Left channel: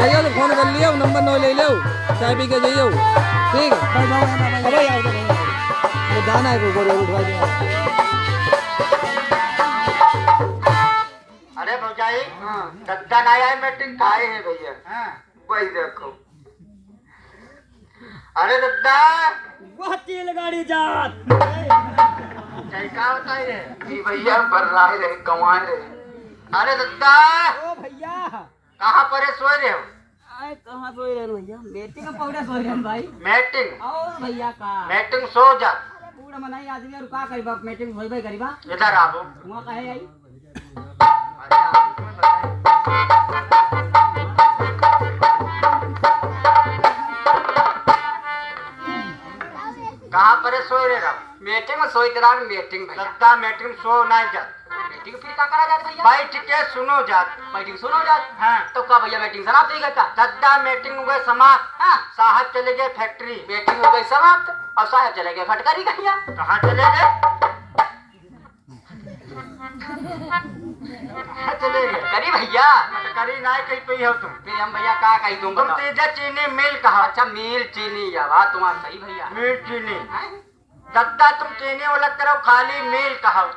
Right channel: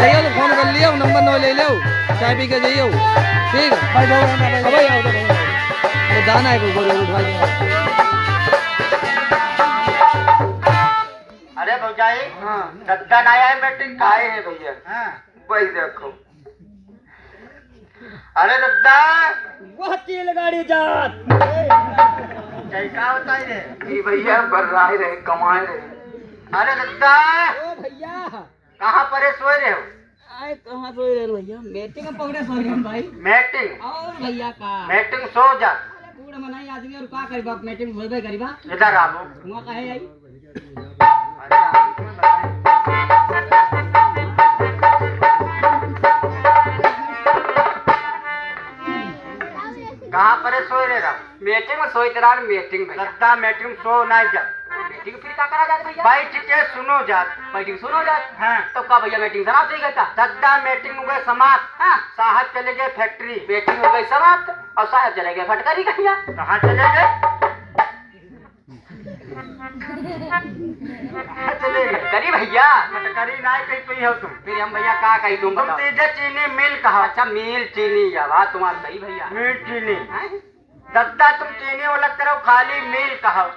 जाइयो तो फोन कर लियो नंबर नो ले लो चाय पी के जाइयो ठीक है भाई जाओ ना भाई आओ तो नहीं दाना है कोई गोरे उठवा के अरे भौजाई दद्दा ना आया मीटिंग का है भैया वही देखो अरे दद्दा वह तेल गाड़ी जात क्या बताई रे ये भैया कर रहा है कमाए रहे अरे दद्दा ओ भैया कहाँ पर है सोए रहे हो आए कहाँ सोए रहे भैया मीटिंग में पकड़े सोए रहे भाई मीटिंग और भैया का मीटिंग सो जा अरे बूढ़ा मनाई आदमी और का करीबा मीटिंग होइबे करीबा इधर आओ हुआ कहे आई अरे आप क्यों बताएं? कहाँ पर है सोए रहेगा मीटिंग में सोई तेरा मीटिंग भैया दद्दा मीटिंग सो नहीं जा मीटिंग फिर का करा जात भैया बैठ के सुनो जा मीटिंग सुनो जात हाँ तो का भैया मीटिंग समाप्त हो गई का दद्दा मीटिंग हो गई समाप्त हाँ साहब चले गए फैक्ट्री मीटिंग हो गई समाप्त और साहब चले गए फटकारी कहिया कहाँ चले गए कहाँ चले गए करी भैया करी ना कहीं पे हो तुम फिर हम भैया का कही तुम तुम सीधे चीनी मिल कहा अच्छा मील चीनी या बात तुम्हारा सही भैया मिल चीनी हैं? दद्दा तुम चीनी वाला करो खाली मिल कहा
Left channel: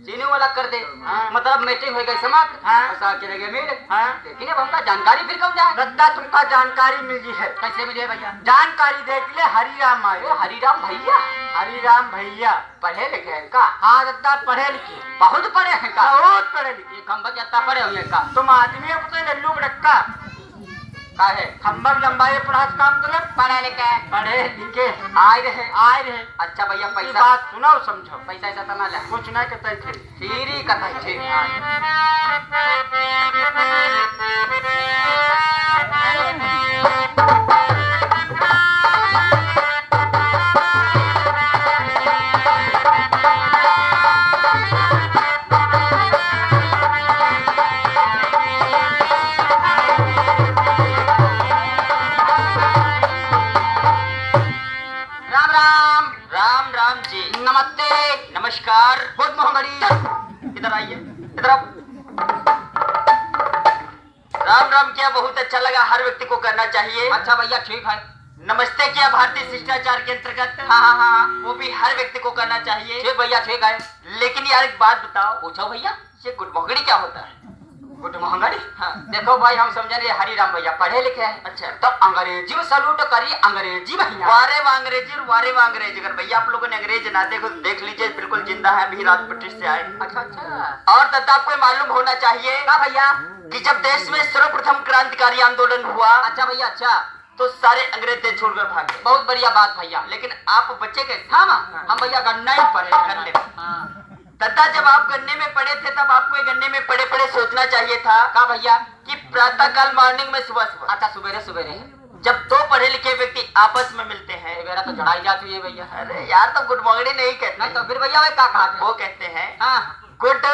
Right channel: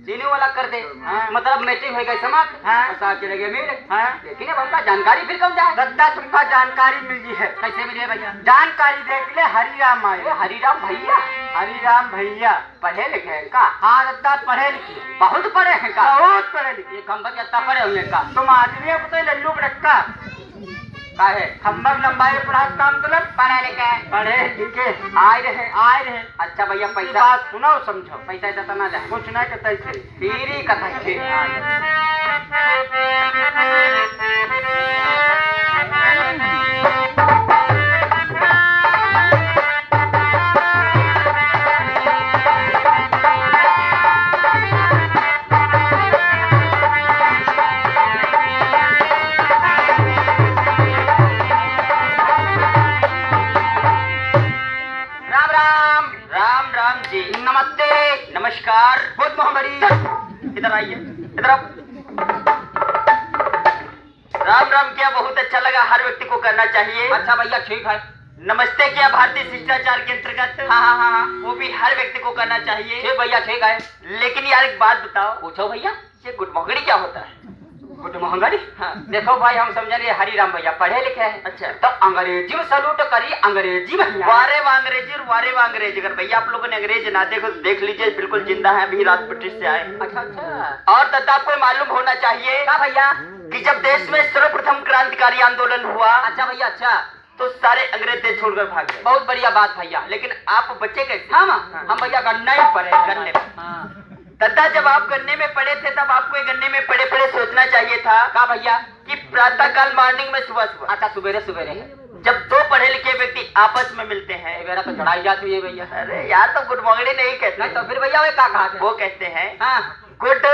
चीनी वाला कर दे हाँ। मतलब मीटिंग हो गई समाप्त हाँ। और साहब चले गए मेरे हाँ। लेकिन अब हमका जानकारी फिर कब जाए दद्दा तुमका जानकारी मिली है कैसे मिले भैया जानकारी देख ले हरिराम अरे आए हरिराम भैया हरिराम भैया पढ़े लिखे हैं का हाँ दद्दा पढ़े लिखे बहुत पढ़े हैं का बहुत पढ़े लिखे ये खम्बा कितना पढ़े हुए का तुम आदमी पता लल्लू रखा का है खम्बर लंबाई पढ़ाई काम मतलब पढ़े लिखे हैं पढ़े लिखे आए रहे आए रहे अच्छा भैया ये पैसा बात सुनो समझो पैसा ऐसा तो ना जाए कुछ नहीं कहते थे फिर ही कथा छे राम राम राम राम जी नमस्ते नमस्कार बहुत महामारी इधर आइए इधर आओ राम राम किया बहुत अच्छा लगा हर व्यक्ति को करना चाहिए अच्छा भैया ठीक है नमस्ते किया भारतीय शिष्टाचार के अंतर्गत हाँ हाँ हाँ वो भी हर व्यक्ति को करना चाहिए ठीक भैया ठीक है लेकिन यार एक बात बताओ पूछो भैया ये गुड मोहगड़ी क्या होता है गुड मोहगड़ी हाँ देखो भाई हम समझेंगे हरिराम भैया पढ़े लिखे हैं अच्छा तो अंग्रेजी में सलूट करिए अंग्रेजी भैया वारे में अंग्रेजी और वारे में अंग्रेजी अगर भैया आप लोगों ने अंग्रेज ना देखो तो देख लीजिए बिल्कुल जिंदा है अभी राजपुत्री से आए अच्छा अच्छा और तथा आपको मालूम होना चाहिए क्या भैया कि जब देश में सर्वप्रथम क्रांतिकारी आंदोलन हुआ अच्छा भैया अच्छा तो सारे अंग्रेज देश छोड़कर भाग गए बहुत बढ़िया बात भैया लेकिन आप बच्चे कैसे हम भैया गन्ना ही पढ़े गन्ने तथा जब आप गन्ने में पड़े थे तब आपको गन्ने में पड़े पड़े सोचना चाहिए था क्या भैया कि प्रातः काल मॉर्निंग में सुबह सुबह अच्छा सुबेरे सुबेरे जब दो पढ़े लिखे व्यक्ति आपस में मिलते हैं मेरा तो चढ़ाई जाती है भैया अरे यार तो गुड मॉर्निंग नहीं कहते नहीं तो फिर भैया वे क्या कहा वो कहते हैं good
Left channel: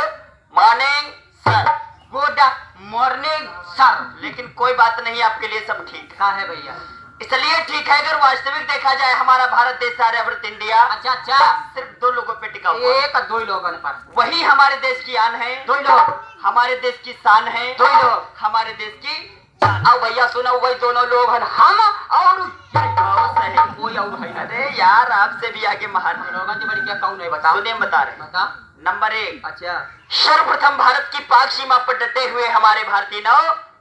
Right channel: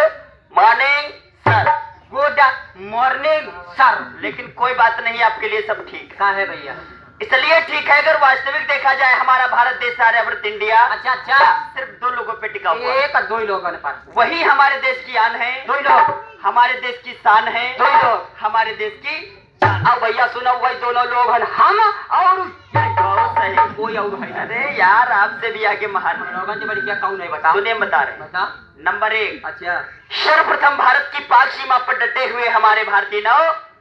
morning sir good morning sir लेकिन कोई बात नहीं आपके लिए सब ठीक कहा है भैया इसलिए ठीक है अगर वास्तविक देखा जाए हमारा भारत देश आर्यभट्ट इंडिया अच्छा अच्छा सिर्फ दो लोगों पे टिका हुआ एक दो ही लोगों ने पास वही हमारे देश की आन है दो ही लोग हमारे देश की शान है दो ही लोग हमारे देश की अब भैया सुना वही दोनों लोग हैं हम और सही कोई और है अरे यार आपसे भी आगे महान जी बड़ी क्या कौन है बता सुनिए बता रहे नंबर 1 अच्छा सर्वप्रथम भारत की पाक सीमा पर डटे हुए हमारे भारतीय नौ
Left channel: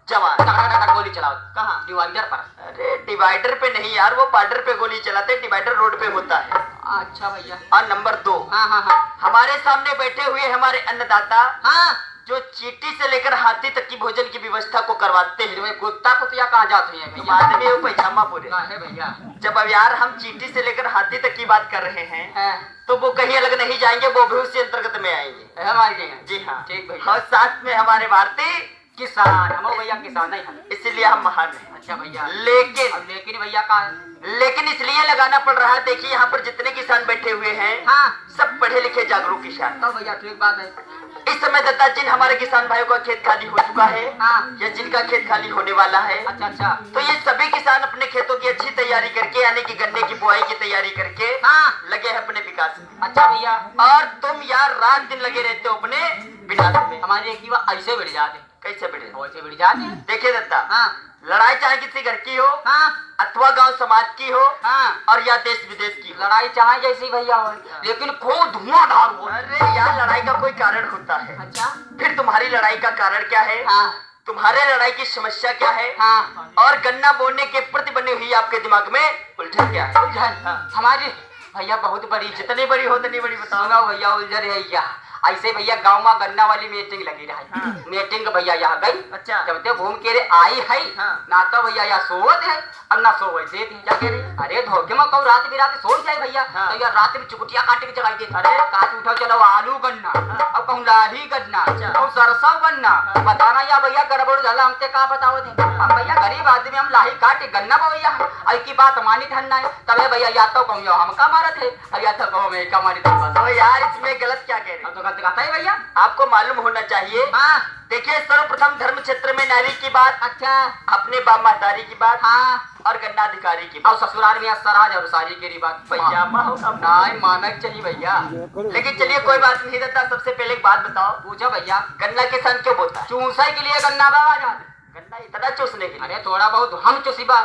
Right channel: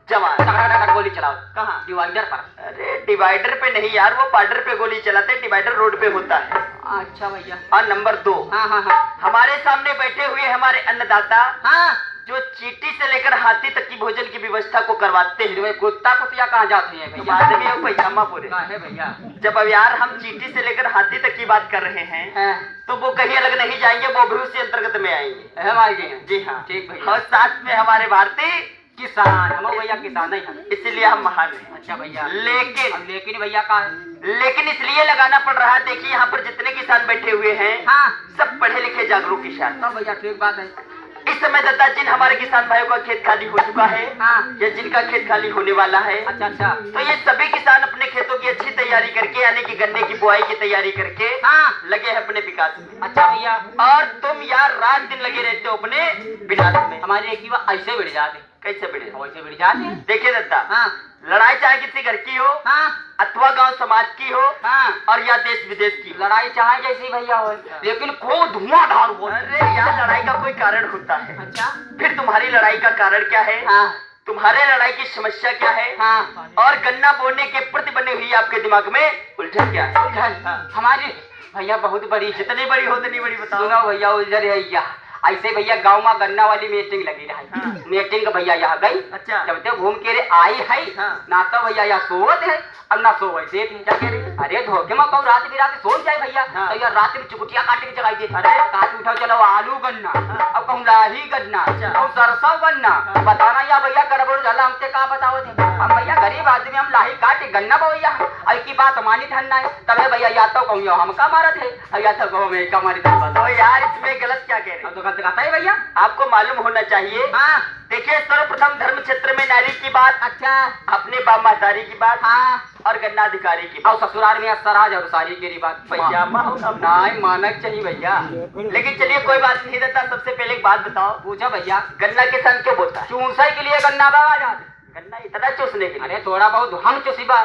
जवान गोली चलाओ कहाँ डिवाइडर पर अरे डिवाइडर पे नहीं यार वो बॉर्डर पे गोली चलाते डिवाइडर रोड पे होता है अच्छा भैया और नंबर 2 हाँ हमारे सामने बैठे हुए हमारे अन्नदाता हाँ जो चींटी से लेकर हाथी तक की भोजन की व्यवस्था को करवाते हैं कुत्ता को तो कहाँ जाते हैं भैया आदमी हो पैजामा पूरे है भैया जब अब यार हम चींटी से लेकर हाथी तक की बात कर रहे हैं तो वो कहीं अलग नहीं जाएंगे वो भी उसी अंतर्गत में आएंगे हम आएंगे जी हाँ ठीक भैया और साथ में हमारे भारतीय किसान हम भैया किसान है, इसीलिए हम महान हैं। अच्छा भैया, लेकिन भैया कहाँ, लेकिन इसलिए लगाना पड़ रहा है। देखिए यहाँ पर जितने किसान बैठे हुए हैं, हाँ, सब पढ़े लिखे जागरूक किसान। भैया ठीक बात है। इस समय दत्ता जिन हमारे किसान भाइयों का खेत खाली हो चुका है, हाँ, या जिनका खेत खाली होने वाला है, अच्छा, तो ये सभी किसान अपने खेतों की अच्छी तैयारी करके, यानी कि गन्ने की बुआई की तैयारी करके, हाँ, लगे हैं अपने विकास में। अच्छा भैया, और तुम यार रात दिन लगे रहते हो अपने विकास में। हमारे एक युवा ऐसे बढ़ जाते, कैसे बढ़ जाते? देखिए दत्ता, हाँ, लड़ाई चाहे किसी घर की हो, हाँ, अथवा गांव समाज की हो, हाँ, और या देश विदेश की लड़ाई चाहे जैसी भैया हो, लेकिन खूब धुआंधार हो। अरे यार लड़ाई का कोई कारण होता है। अच्छा, फिर तुम्हारी लड़ाई का कारण क्या है? हाँ, तुम्हारे लड़ाई की समस्या क्या है? हाँ, और गन्ना बोने के प्रति बनी हुई आपके दिमाग में उलझन क्या है? उलझन हमारी भैया बहुत बड़ी, जितनी बड़ी हो उतनी बड़ी बताओ ना भैया। उलझन है ऐसे भैया गांव में गन्ना वाली मीटिंग लगी रही, हाँ, मीटिंग भैया यहाँ गई। अच्छा, जब तक घूम के रे आई है, हाँ, ना तो भैया यहाँ सोवत है, अब ना सो वैसे थी जाके रे। अरे धोखे में कहूँ रात बिरात सो जाए भैया, हाँ, तो यार रात में चुकुटिया काट के जगाई देती। अरे काट उठाओ चलो आलू गन्ना, अब कहूँ लाही गन्ना, कहूँ सरसों गन्ना, बताना या भैया गड़बड़ झाला हमसे का बताओ थे। हम भैया गरीब आदमी, हम लाही काटे गन्ना भैया की बात मानी धन्ना है। तब भैया या तो कहूँ हम का मारत है, या तो कहूँ मैं का मारी धन। तो यार इसमें गलत क्या कह रहे हैं? कहता है भैया आपको मालूम होना चाहिए। हाँ, देखिए सर्वप्रथम धर्म क्षेत्र में नारी की बात, अच्छा, अपने बाप महतारी की बात, हाँ, और गन्ना अधिकारी की बात, और ससुराल में सराज और सारी की बात भैया मानक चाहिए भैया। लेकिन चलिए कोई बात नहीं देता। सबसे पहले एक बात बताओ, पूछा भैया गन्ना किसान क्यों बोता है? चूसा के लिए गन्ना बाबा जाते, गन्ना इतना चूसने के लिए? अरे थोड़ा बहुत हम चूसी बा,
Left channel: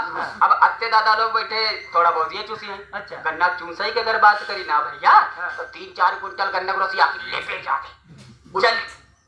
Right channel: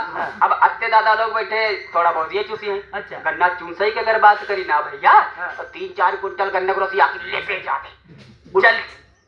अब अत्ते दादा लोग बैठे थोड़ा बहुत ये चूसी है। अच्छा, गन्ना चूसाई की अगर बात करी ना भैया, तो 3-4 कुंटल गन्ना को लेके जाते।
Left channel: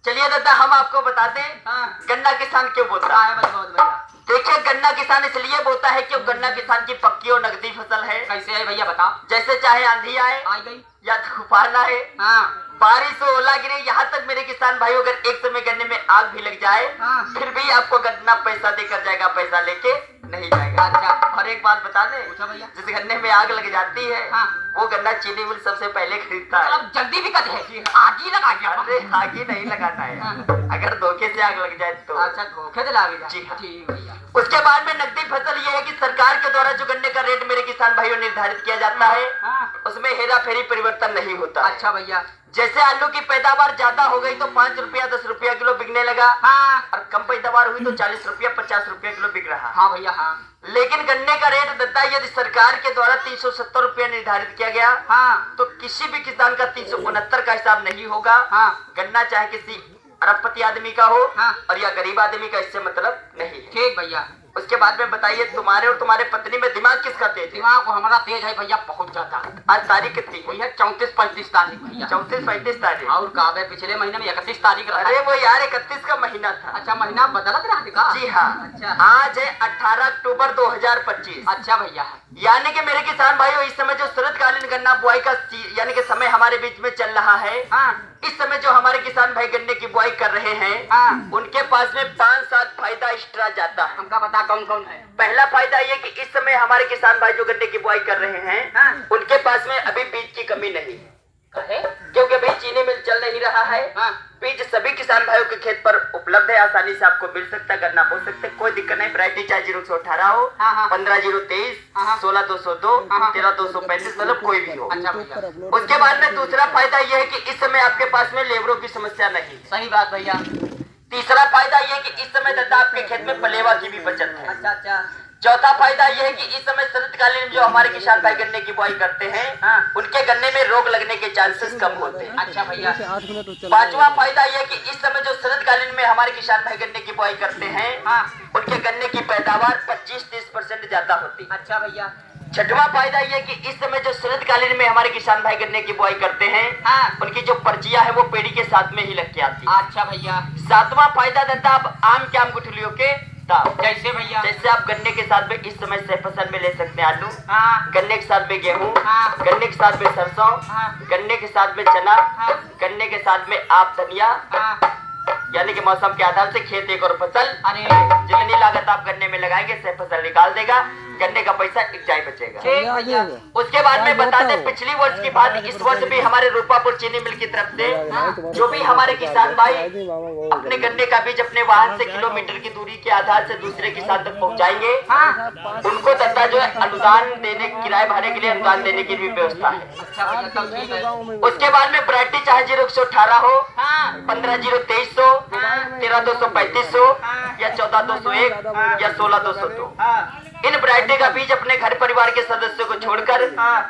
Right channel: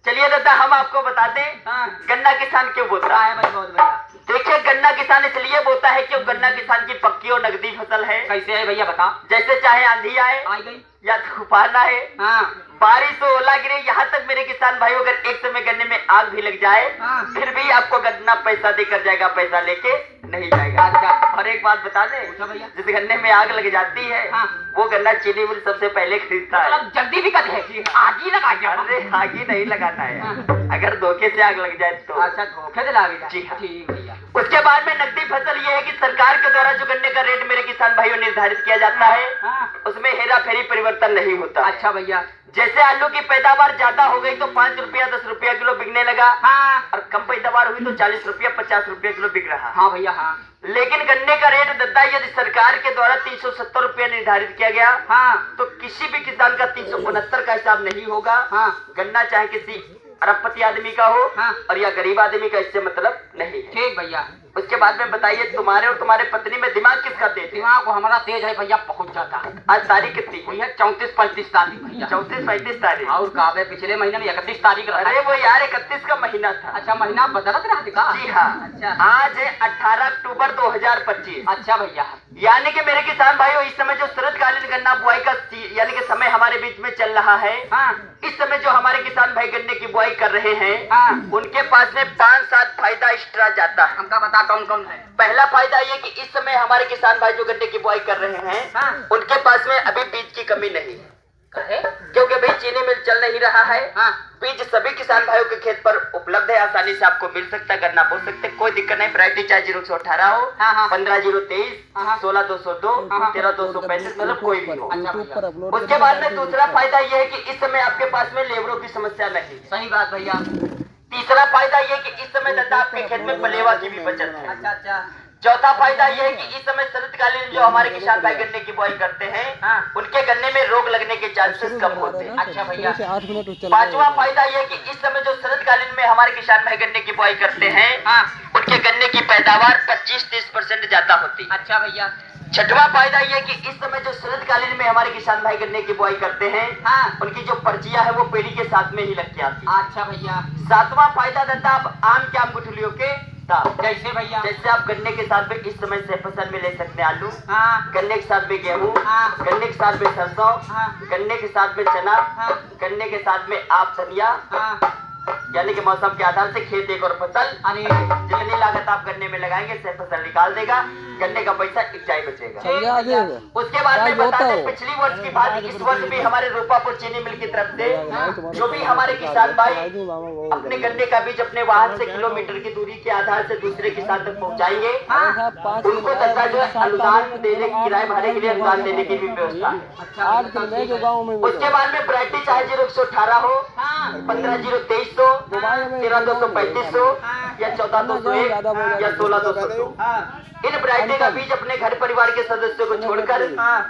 चलिए दादा हम आपको बताते हैं, हाँ, गन्ना किसान क्यों बोता है। भैया देखिए गन्ना किसान इसलिए बोता है क्यों गन्ना किसान की पक्की और नकदी फसल है। कैसे है भैया बता? जैसे चाहे आंधी आए, आ गई, या तूफान आए, हाँ, बारिश हो, ओला गिरे, यहाँ तक मेरे किसान भाई अगर एक समय गन्ने में आग भी लग जाए, हाँ, फिर भी आपको गन्ना पैसा देकर जाएगा, पैसा लेके नहीं जाएगा। अच्छा, और एक बात बता दे भैया, जिस गन्ने में आग लग जाती है, हाँ, वो गन्ना चीनी मिल सबसे पहले खरीदता है। अब जल्दी भी कहते हैं आग ही लगा दिया। अरे आग ही नहीं लगाना है, हाँ, अगर धोखे से आग लग जाए तो। अच्छा, धोखे से लग जाए, ठीक भैया। उसके बाद में नकदी फसल ये है कि सरकार के द्वारा जो गन्ने का रेट मेरे किसान भाइयों निर्धारित किया जाता है, हाँ, उसमें हेरा फेरी परिवर्तन नहीं होता। अच्छा भैया, जैसे आलू की पैदावार ज्यादा हो गई तो 5 रुपया 10 रुपया किलो बिकने लगा, हाँ, और कम पैदावार हुई तो 40 रुपया 50 रुपया किलो बिक रहा। हाँ भैया, हाँ, लेकिन गन्ने का रेट दत्ता यदि सरकार के द्वारा 370 रुपया निर्धारित किया गया, हाँ, तो किसी भी किसान का 369 का हिसाब नहीं होगा। हाँ, गन्ना चाहे किसी अरबपति आदमी का हो, हाँ, और या गरीब आदमी का इससे मतलब नहीं है। ठीक भैया। उसके बाद में बताइए तुम्हारे और तुम्हारे पत्नी में दिमाग किसका तेज है? दिमाग हमारा तेज है भैया, बहुत ज्यादा। आज तारीख कितनी भैया? 34-35 तारीख भैया। 34-35 तारीख। और कहा है पिछले महीने में 31 तारीख। अरे वो यार 31 का महीना था। अच्छा, महीना बदलत रहा दिखा? जी हाँ। अच्छा, आज है 18 अक्टूबर 2025। अच्छा भैया, यानी कि मेरे किसान भाइयों इस समय जो शरतकालीन गन्ना बुआई का यानी कि समय हमारे बीच में चल रहा है, हाँ, इस समय जो हमारे किसान भाई गन्ने की बुआई कर रहे हैं, हाँ, उनके पास में 5-7 फायदा एक्स्ट्रा जाता है। हमका बता कौन कौन है? पहला फायदा ये कि इस समय हमारे किसान भाई जो गन्ने की बुआई कर रहे हैं, हाँ, उनके पास में अभी बीज की कमी नहीं है। क्योंकि भाई चीनी मिल चल नहीं रहा है, हाँ, बीज सभी किसान भाइयों के खेत पर उपलब्ध है, आसानी से आपको मिल सकता है, गन्ना बो सकते, कोई दिक्कत नहीं। वैरायटी चाहे 0-18 हो, 15-0-23, 16-202, 13-235, मतलब कोई भी हो। उसके बाद में दूसरा फायदा यह है कि इस समय आपके पास में लेबरों की समस्या नहीं। सही बात भैया। तीसरा फायदा ये कि इस समय दादा आपके खेत में पलेवा की भी बचत है। अच्छा। चौथा फायदा ये है कि इस समय शरतकालीन जो हमारे किसान भाई गन्ने की बुआई करते हैं, हाँ, उनके गन्ने में रोग लगने के चांसेस कम होते हैं। अच्छा भैया। 5वां फायदा ये है कि इस समय जो शरतकालीन में हमारे किसान भाई गन्ने की बुआई करते हैं, हाँ, उनके गन्ने की पैदावार 25-30% ज्यादा होती है। अच्छा भैया। 6वां फायदा ये कि इस समय जो शरतकालीन में हमारे किसान भाई गन्ने की बुआई करते हैं, हाँ, उनकी जो पर्चियां है वो पेड़ी के साथ में ही लग के आती है। अच्छा भैया। 7वां फायदा दादा आप आम के आम गुठलियों के दाम। कैसे भैया? जैसे आप गन्ने के साथ में इस समय से फसल में ले सकते हैं आलू, हाँ, गन्ने के साथ में गेहूँ, हाँ, गन्ने के साथ में सरसों, हाँ, गन्ने के साथ में चना, हाँ, गन्ने के साथ में आप धनिया, हाँ, यानी कि मौसम के आधार से खेत एक और फसल, अरे जितनी लागत आप गन्ने में लगाएंगे से फसल निकाल देगा, गन्ने का पैसा इकजाई बचेगा। उसके बाद में बता दें पिछली वर्ष की बात, इस वर्ष भी हमारे रूपापुर चीनी मिल की तरफ से जो भी हमारे किसान भाई अपने गन्ने का बीज अपने वाहन से किलोमीटर की दूरी के आधार से दूसरे किसान तक पहुँचाएंगे, उनको दत्ता जो है अनुदान देने, किराए भाड़े के लिए अनुदान देने की भी व्यवस्था है। उसके बाद में वैरायटी चाहे 0-118 हो, 15-0-23 हो, 13-235 हो या 14-201 या 16-202, इन वैरायटी का बीज अपने घर परिवार के सदस्यों को छोड़कर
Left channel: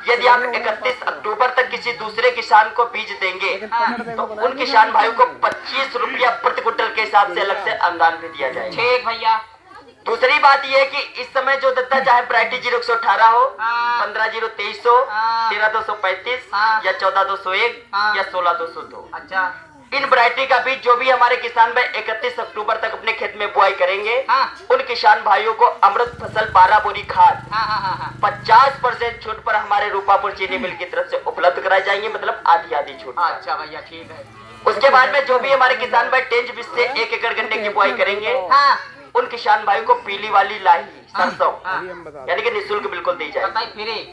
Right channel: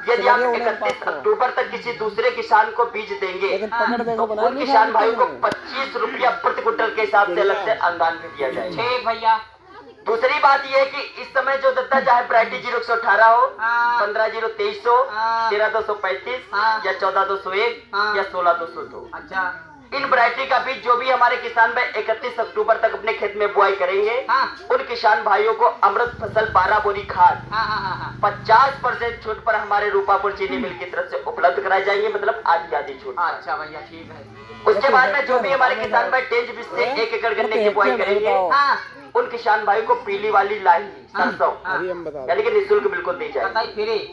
यदि आप 31 अक्टूबर तक किसी दूसरे किसान को बीज देंगे तो उन किसान भाइयों को 25 रुपया प्रति क्विंटल के हिसाब से अलग से अनुदान भी दिया जाए। ठीक भैया। दूसरी बात यह है कि इस समय जो दत्ता चाहे वैरायटी 0-118 हो, 15-0-23 हो, 13-235 या 14-201 या 16-202, अच्छा, इन वैरायटी का बीज जो भी हमारे किसान भाई 31 अक्टूबर तक अपने खेत में बुआई करेंगे, उन किसान भाइयों को अमृत फसल 12 बोरी खाद 50% छूट पर हमारे रूपापुर चीनी मिल की तरफ से उपलब्ध कराई जाएंगी, मतलब आधी छूट। अच्छा भैया, ठीक है। उसके बाद में जो भी हमारे किसान भाई 10 से 1 एकड़ गन्ने की बुआई करेंगे, उन किसान भाई को पीली वाली लाही सरसों यानी कि निःशुल्क बिल्कुल दी जाए।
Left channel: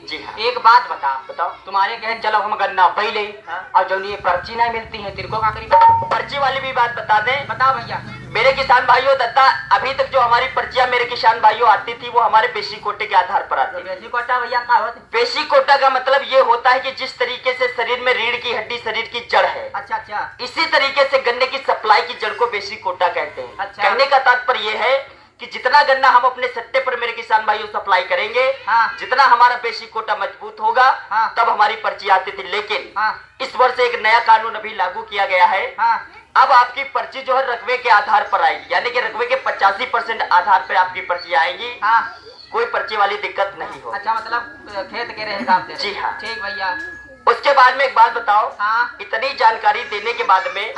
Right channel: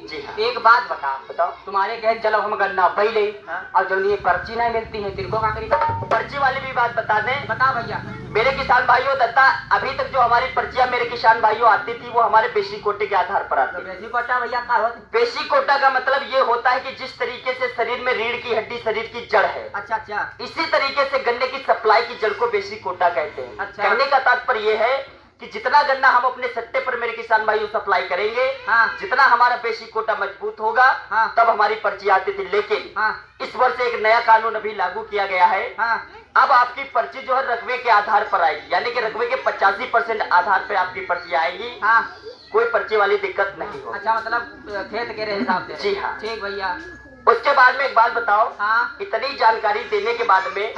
जी हाँ। एक बात बताओ, तुम्हारे कहे चलो हम गन्ना पहले और जो ये पर्ची नहीं मिलती है तिनको क्या करेंगे? पर्ची वाली भी बात बता दें। बताओ भैया। मेरे किसान भाइयों दत्ता अभी तक जो हमारी पर्चियां मेरे किसान भाइयों आती थी वो हमारे बेसिक कोटे के आधार पर आती। बेसिक कोटा भैया क्या होता है? बेसिक कोटा का मतलब ये होता है कि जिस तरीके से शरीर में रीढ़ की हड्डी शरीर की जड़ है, अच्छा, इसी तरीके से गन्ने की सप्लाई की जड़ को बेसिक कोटा कहते हैं। अच्छा। कहने का तात्पर्य ये है कि जितना गन्ना हम अपने सट्टे पर मेरे किसान भाइयों सप्लाई करेंगे, जितना हमारा बेसिक कोटा मजबूत होगा, तब हमारी पर्ची आती थी। लेकिन इस वर्ष एक नया कानून अभी लागू किया गया है। अब आपकी पर्ची जो है रकबे के आधार पर आएगी, यानी कि रकबे के 85% आधार पर आपकी पर्ची आएगी। कोई पर्ची वाली दिक्कत नहीं हो। अच्छा, मतलब खेत के हिसाब से। जी हाँ, ठीक भैया। उसके बाद में एक बात बताओ, इतनी जानकारी देने के बाद में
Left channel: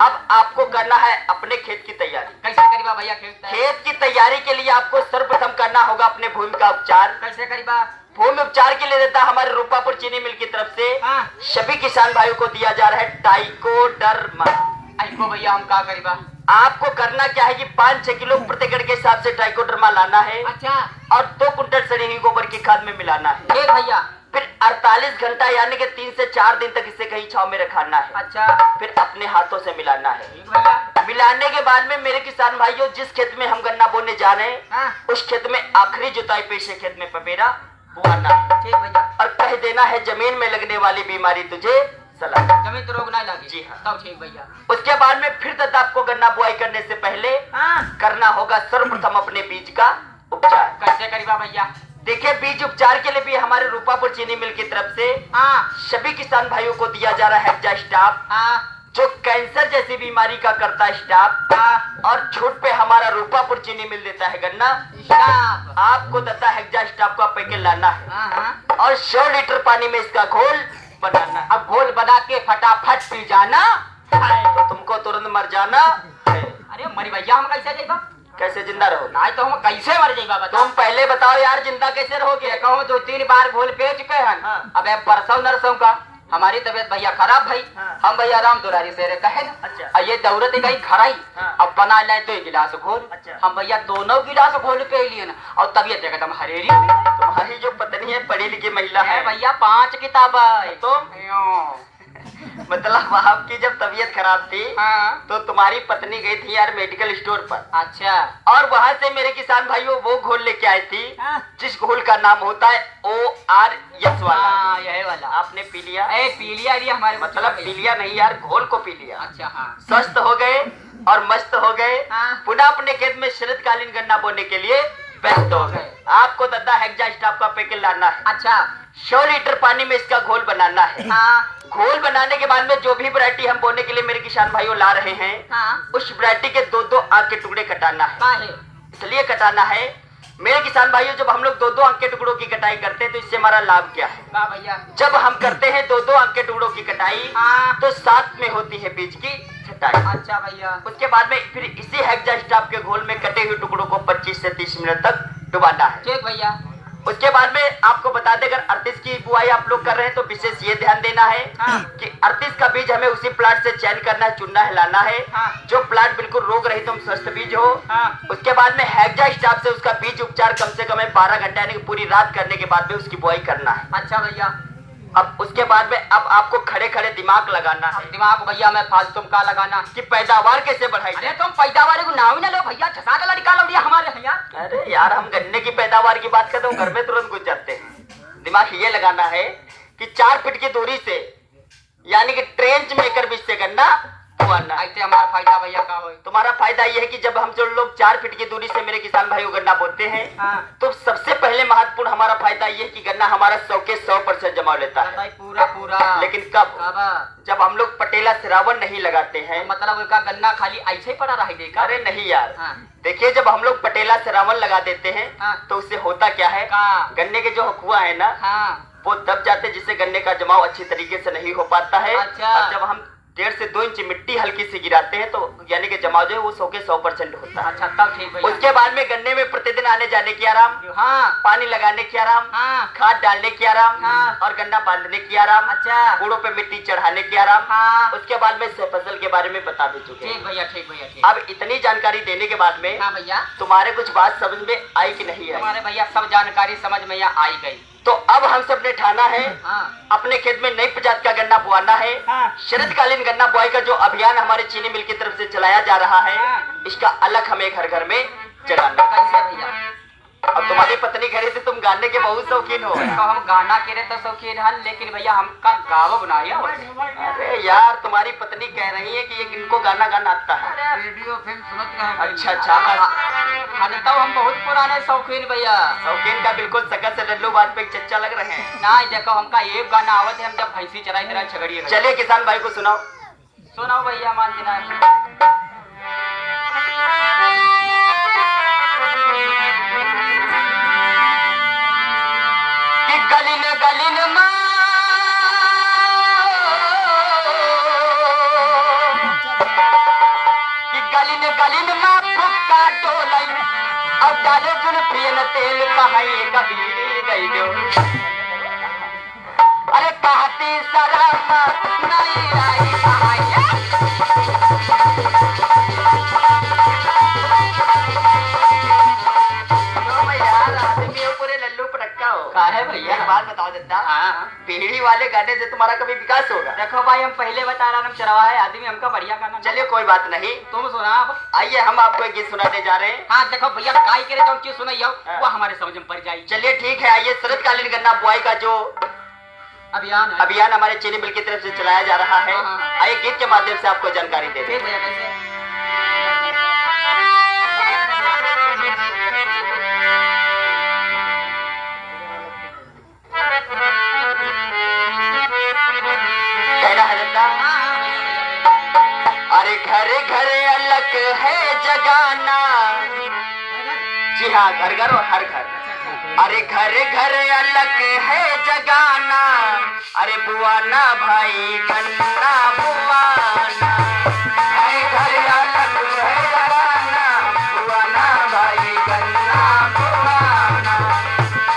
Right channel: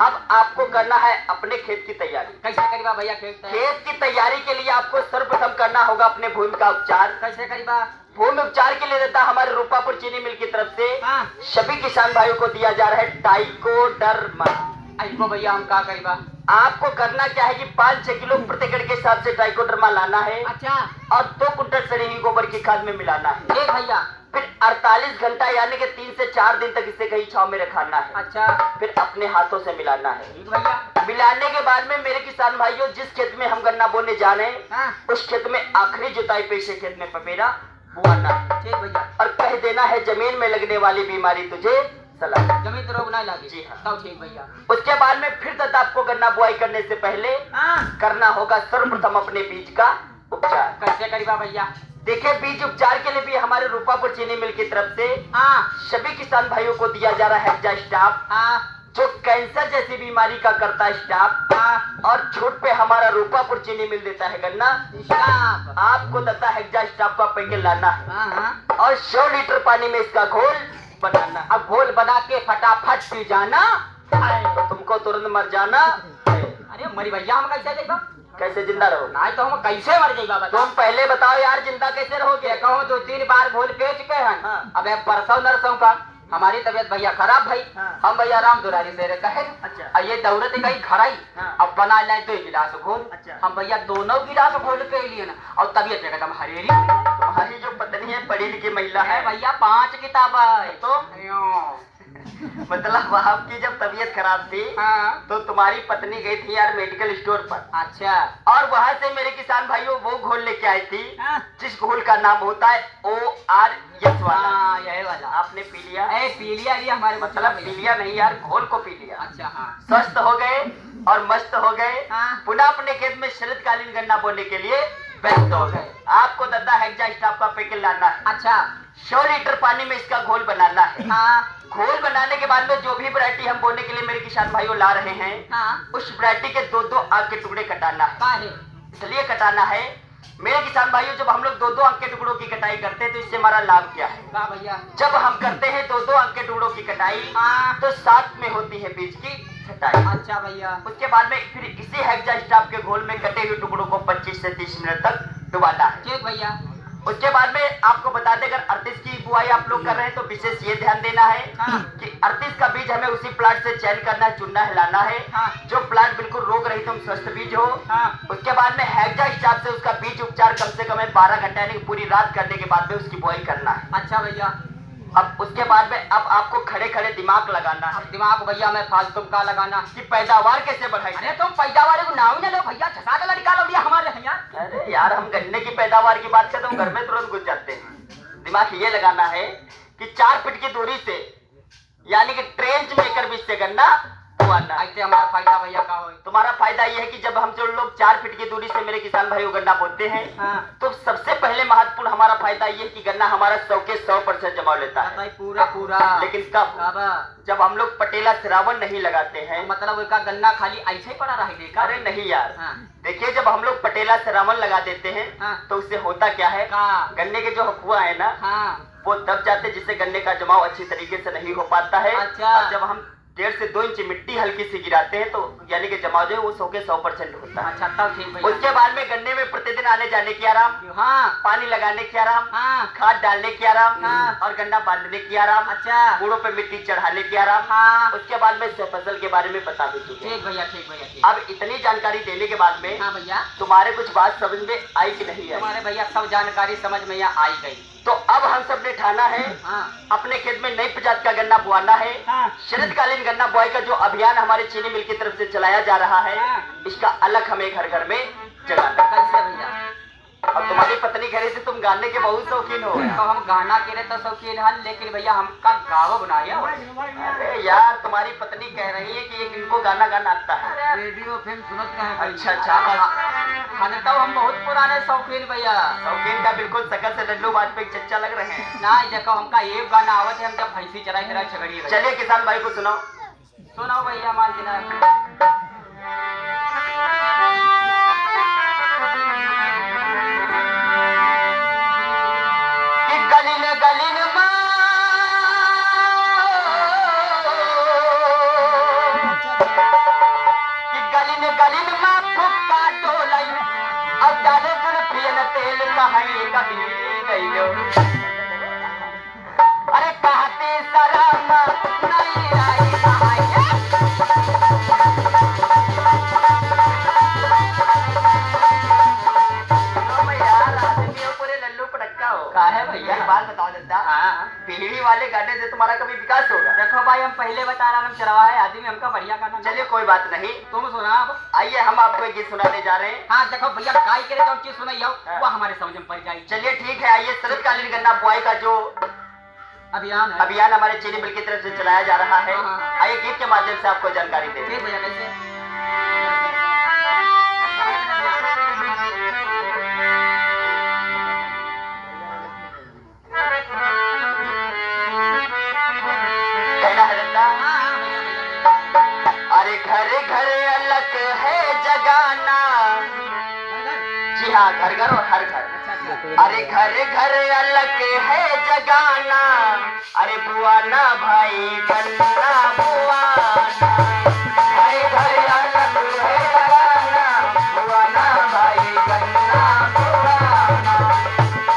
अब आपको करना है अपने खेत की तैयारी। कैसे करेगा भैया खेत की तैयारी के लिए आपको सर्वप्रथम करना होगा अपने भूमि का उपचार। कैसे करेगा? भूमि उपचार के लिए देता हमारे रूपापुर चीनी मिल की तरफ से सभी किसान भाइयों को दिया जा रहा है टाइकोडर्मा। भैया हम क्या करेगा? आपको करना क्या है कि 5-6 किलो प्रति एकड़ के हिसाब से टाइकोडर्मा लाना है। अच्छा। और 2 कुंटल सड़ी हुई गोबर की खाद में मिलाना है। ठीक भैया। फिर 48 घंटा यानी कि 3 से 4 दिन तक इसे कहीं छांव में रखाना है। अच्छा। फिर अपने हाथों से मिलाना है। भैया। मिलाने के बाद में मेरे किसान भाइयों जिस खेत में हम गन्ना बोने जा रहे हैं, उस खेत में आखिरी जुताई पेशे खेत में पपेरा बोना। ठीक भैया। और कह देना है जमीन में लगने वाली बीमारी तुझे जमीन तो रोग नहीं लगी। जी हाँ, ठीक भैया। उसके बाद में फिर तक आपको गन्ना बुआई करने से पहले करना होगा सर्वप्रथम अपने बीज का उपचार। कैसे करेगा भैया? देखिए, बीज उपचार के लिए भी हमारे रूपापुर चीनी मिल की तरफ से सभी किसान भाइयों को दिया जा रहा है हेक्जा स्टाफ, जो कैंसर जैसी बीमारी का करता है स्टाफ, और छूट पे हमारा रूपापुर चीनी मिल देता है गन्ना स्टाफ। आपको देता है हेक्जा स्टाफ का पैकेट लाना है और 100 लीटर पानी में इसका घोल बनाना। अब घोल बना के फटाफट पी जाना, तो तुमको तुरंत मर जाना। अरे मरी भैया, हम कैसे जाएगा? कैसे जिंदा रहो? नहीं तो हम कैसे मर जाएगा? तुम पहले बताओ यार, जिंदा कैसे रहोगे? कहो 2-3 बार घोल पी चुके हैं। अब परसों नरसों का हमारी तबीयत भैया खराब भाई। हम भैया राम दुरारी से कहे। अच्छा। ये दौरत गई खराई, अब बना ले तो 1 गिलास घोल। अच्छा। हम भैया दोनों गिलास घोल पे लिए ना, और तबीयत एकदम हरेरी। तुम्हारी जो पत्नी है पढ़ी लिखी महिला है भैया, 5 किताब है। तो मतलब आपकी जब तबीयत खराब थी तो तुम्हारी पत्नी गई थी यार मेडिकल स्टोर पर। अच्छा। और वहाँ से मेरे किसान भाइयों वो घोल लेके आई थी जिस घोल का नाम होता है ORS वाला। यही वाला आपने पी लिया? पी लिया हमारे मतलब पी लिया नहीं यार, घोल को पी लिया। अच्छा। हाँ। स्वस्थ हो गए और मस्त हो गए। पुनः अपने खेत में शरदकालीन गन्ना बोने के लिए व्यस्त हो गए। आपको दादा हेक्जा स्टाफ का पैकेट लाना है। अच्छा। 100 लीटर पानी में इसका घोल बनाना है। घोल बनाने के बाद में जो भी वैरायटी हम बोने के लिए मेरे किसान भाइयों ला रहे हैं, उस वैरायटी के 2-2 आंख के टुकड़े कटाना है। इसलिए कटाना है मेरे किसान भाइयों, जब हम लोग 2-2 अंक के टुकड़ों की कटाई करते हैं तो इससे हमारा लाभ क्या है? भैया, जब हम करते हैं 2-2 अंक के टुकड़ों की कटाई तो साथ में होती है बीज की छटाई। अच्छा भैया। उसके बाद में फिर इसी हेक्जा स्टाफ के घोल में कटे हुए टुकड़ों को 25 से 30 मिनट तक डुबाना है। ठीक भैया। उसके बाद में आपको बता दें, अगर 38 की बुआई आप लोग कर रहे हैं तो विशेष ये ध्यान देना है कि 38 का बीज हमें उसी प्लाट से चयन करना है, चुनना है, लाना है जो प्लाट बिल्कुल रोग रहित एवं स्वस्थ बीज हो। उसके बाद में हेक्टा हिसाब से उसका बीज उपचार कम से कम 12 घंटे यानी पूरी रात करने के बाद में उसकी बुआई करना है। अच्छा भैया। अब उसके बाद में अब आपको खड़े खड़े दिमाग लगाना है। दिमाग भैया मैं फालतू का लगाना कि पैदावार कैसे बढ़ाई अरे जाए। तुम पैदावार को नाम ही ना लो भैया, छसा का निकालो दिया हमारे भैया। अरे यार, हम गन्ने की पैदावार की बात करते हो घर में तुरंत घुस जाते हैं। दिमाग ये लगाना है कि 4 फीट की दूरी से यानी कि ट्रेंच मेकर बीच से गन्ना बोआना। ऐसे हमारा फायदा भैया का हो। तुम्हारा फायदा ये है कि जब हम जो लोग 4 फीट की दूरी से मेरे किसान भाइयों गन्ना बोते हैं तो सबसे पहले महत्वपूर्ण हमारा फायदा ये है कि गन्ना हमारा 100 के 100% जमाव लेता है। पूरा पूरा। लेकिन कब? जब हम लोग पटेला श्रावण नहीं लगाते हैं। मतलब उसका गन्ना खाली ऐसे ही पड़ा रहेगा? अरे नहीं यार, देखिए जब हम लोग पटेला श्रावण लगा देते हैं तो उससे होता क्या है, गन्ने के जो हकुआ है ना वो दब जाते हैं, जिससे गन्ने का जमाव अच्छी तरीके से नहीं हो पाता है। और जब हम 1.5 से 2 इंच मिट्टी हल्की सी गिराते हैं तो यानी कि जमाव जो है वो 100 के 100% होता है। अच्छा तब ठीक भैया। उसके बाद में गन्ने में प्रतिदिन आने जाने की आराम, पानी लगाने की आराम, खाद डालने की आराम और गन्ना बांधने की आराम, अच्छा बूढ़ों पे मिट्टी चढ़ाने की आराम। उसके बाद में फसल के बारे में बता भी चुके। ठीक भैया, ठीक भैया। अब इतनी जानकारी देने के बाद में भैया तुम्हारे कुछ बात समझ में आई कि नहीं आई? हमारे भैया सब जानकारी समझ में आई गई। तो अब हम सब ने ठाना है अपने खेत में नई प्रजाति का गन्ना बोआना है। शरदकालीन गन्ना बुआई का जो अभियान हमारे चीनी मिल की तरफ से चलाया जा रहा है, इसका अलग हमें घर घर में चलाना। कैसे भैया? अब तुम्हारी पत्नी कह रही थी तुम गाने के बहुत शौकीन हो। तो हम गाना के तो शौकीन है, लेकिन भैया हमका गावो बना रही है। अरे यार, तुम्हारी पत्नी कह रही है कि इनको गाना गाना आता है। रेडियो फिल्म सुनते हैं। अच्छा अच्छा। तो हम बहुत पुराने शौकीन भैया। शौकीन का बिल्कुल सकल से लल्लू वाजपेयी चच्चा लग रहे हैं। ना देखो हमका एक गाना आवत है, हम जब भैंसी चराई मेरा झगड़ी। चलिए किसान भाई को सुनाओ। सुनाओ भैया मान देना। गलिन गलिन गलिन गलिन में फुक्का डोलाई अब डाले जुल्फियन तेल कहाई कभी गई लो। अरे कहती सराना नहीं आई कहाई। पूरे लल्लू पटक्का हो। का है भैया? एक बात बताओ दद्दा, पीढ़ी वाले गाने से तुम्हारा कभी विकास होगा? देखो भाई, हम पहले बता रहा हम चरवा है आदमी, हमका बढ़िया गाना। चलिए कोई बात नहीं, तुम सुना। आइए हम आपको एक गीत सुनाने जा रहे हैं। हाँ देखो भैया, गाय करे तो चीज सुनाइयो वो हमारे समझ में पड़ जाएगी। चलिए ठीक है, आइए शरदकालीन गन्ना बुआई का जो अभियान हमारे चीनी मिल की तरफ से चलाया जा रहा है, आइए गीत के माध्यम से आपको जानकारी देते हैं। अरे घर घर अलग है जगाना। जी हाँ, घर घर और हर घर। अरे घर घर अलग है जगाना। अरे बुआना भाई गन्ना बुआना। अरे घर अलग है जगाना। बुआना भाई गन्ना बुआना।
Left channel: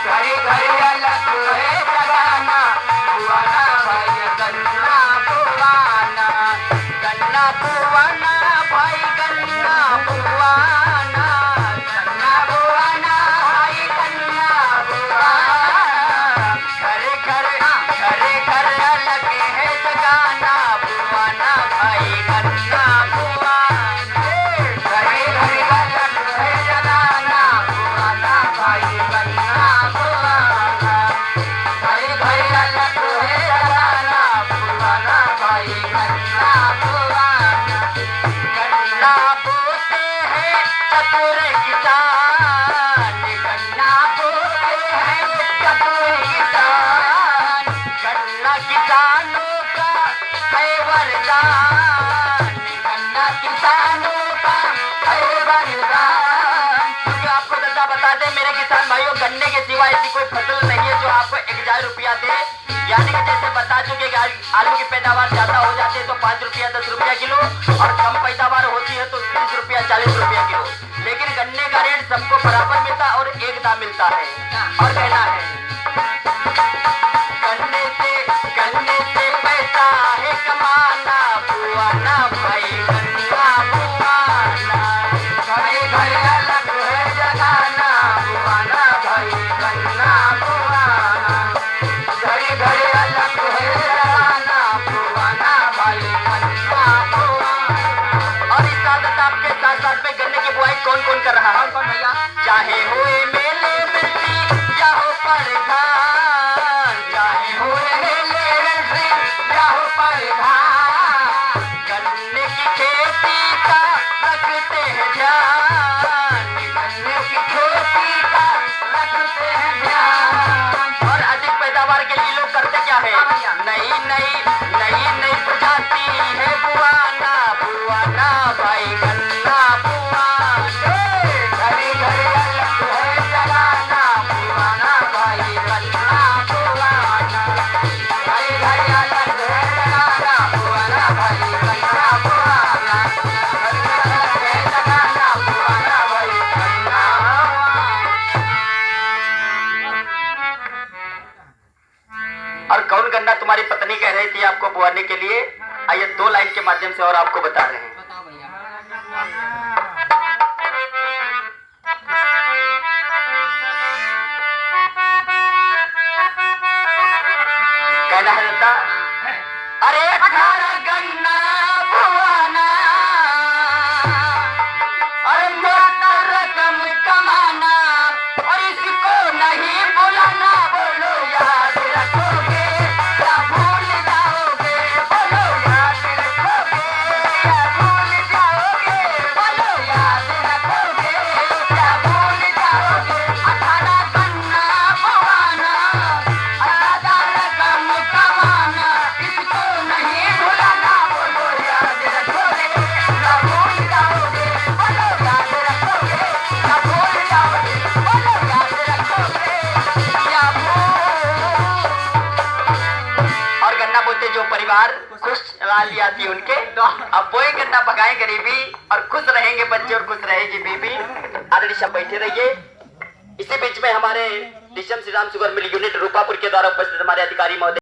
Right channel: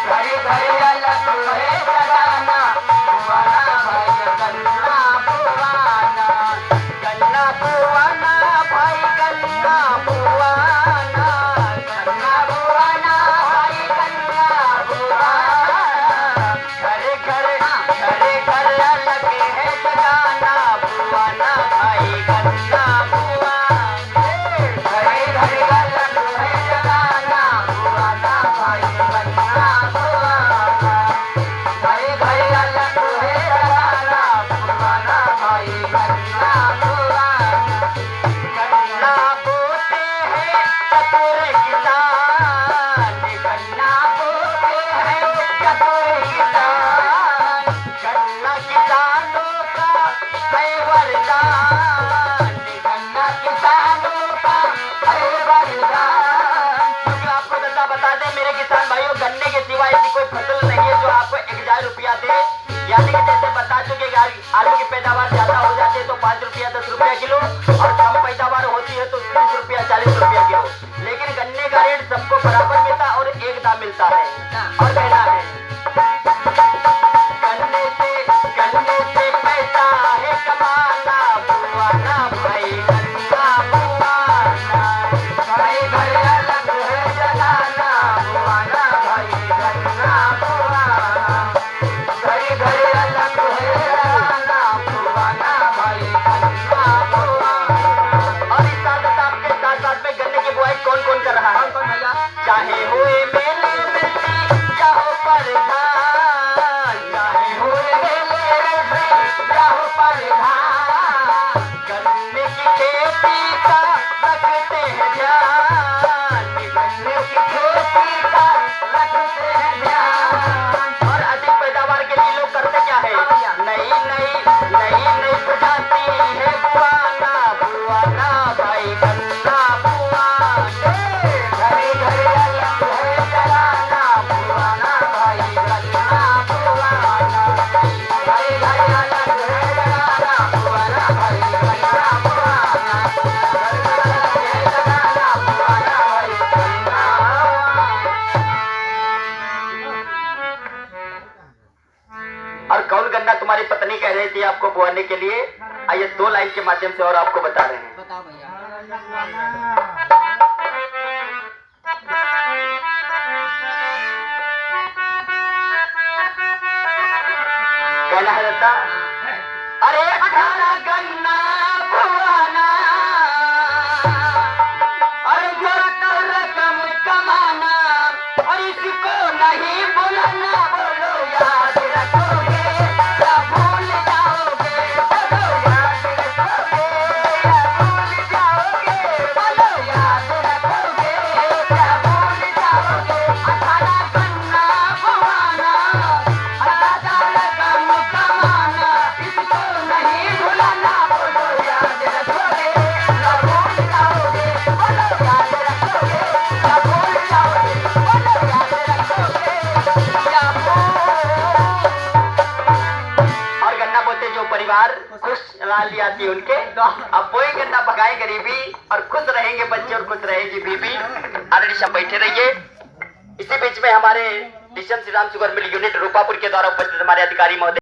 घर घर अलग है जगाना। बुआना भाई गन्ना बुआना। गन्ना बुआना भाई गन्ना बुआना। गन्ना बुआना भाई गन्ना बुआना। घरे घरे घरे घर अलग है जगाना। बुआना भाई गन्ना बुआना। घरे घरे अलग है जगाना। बुआना भाई गन्ना बुआना। घरे घरे अलग है जगाना। बुआना भाई गन्ना बुआना। गन्ना बोते हैं चतुर किसान। गन्ना बोते हैं चतुर किसान। गन्ना किसानों का है वरदान। गन्ना किसानों का है वरदान। क्योंकि आपको दादा बता दें मेरे किसान भाइयों, गन्ने के सिवा ऐसी कोई फसल नहीं है जो आपको 1000 रुपया दे। यानी कि जैसे बता चुके आलू की पैदावार ज्यादा हो जाती है तो 5 रुपया 10 रुपया किलो, और कम पैदावार होती है तो 30 रुपया 40 रुपया किलो। लेकिन गन्ने का रेट सबको बराबर मिलता है और एक दाम मिलता है। और कहना खेती का रखते हैं ध्यान। और अधिक पैदावार के लिए लोग करते क्या है, नई नई प्रजाति है पुआना पुआना भाई गन्ना पुआना। घरे घरे अलग है चलाना पुआना भाई गन्ना पुआना। घरे घरे अलग है चलाना पुआना भाई गन्ना पुआना। घरे घरे अलग है चलाना पुआना भाई गन्ना। और कौन गन्ना तुम्हारी पत्नी कह रही थी आपको बुआने के लिए? आइए 2 लाइन के माध्यम से और आपको बता रहे हैं। बताओ भैया। कहना है रहता, अरे 18 गन्ना बुआना, अरे ज्यादा रकम कमाना, और इसको नहीं बुलाना। बोलो याद रखोगे या भूल जाओगे? बोलो याद रखोगे या भूल जाओगे? बोलो याद रखोगे या भूल जाओगे? 18 गन्ना बुआना, ज्यादा रकम कमाना, इसको नहीं बुलाना। बोलो याद रखोगे या भूल जाओगे? बोलो याद रखोगे या भूल जाओगे? बोलो याद रखोगे या भूल। और गन्ना बोते जो परिवार खुश लाली आती उनके, अब वही गन्ना पकाए गरीबी, और खुश रहेंगे बच्चे और खुश रहेगी बीबी। आदरणीय सब बैठे रहिए। इसी बीच में हमारे डिशन Shri Ram sugar mill unit Rupapur के द्वारा उपस्थित हमारे अधिकारी महोदय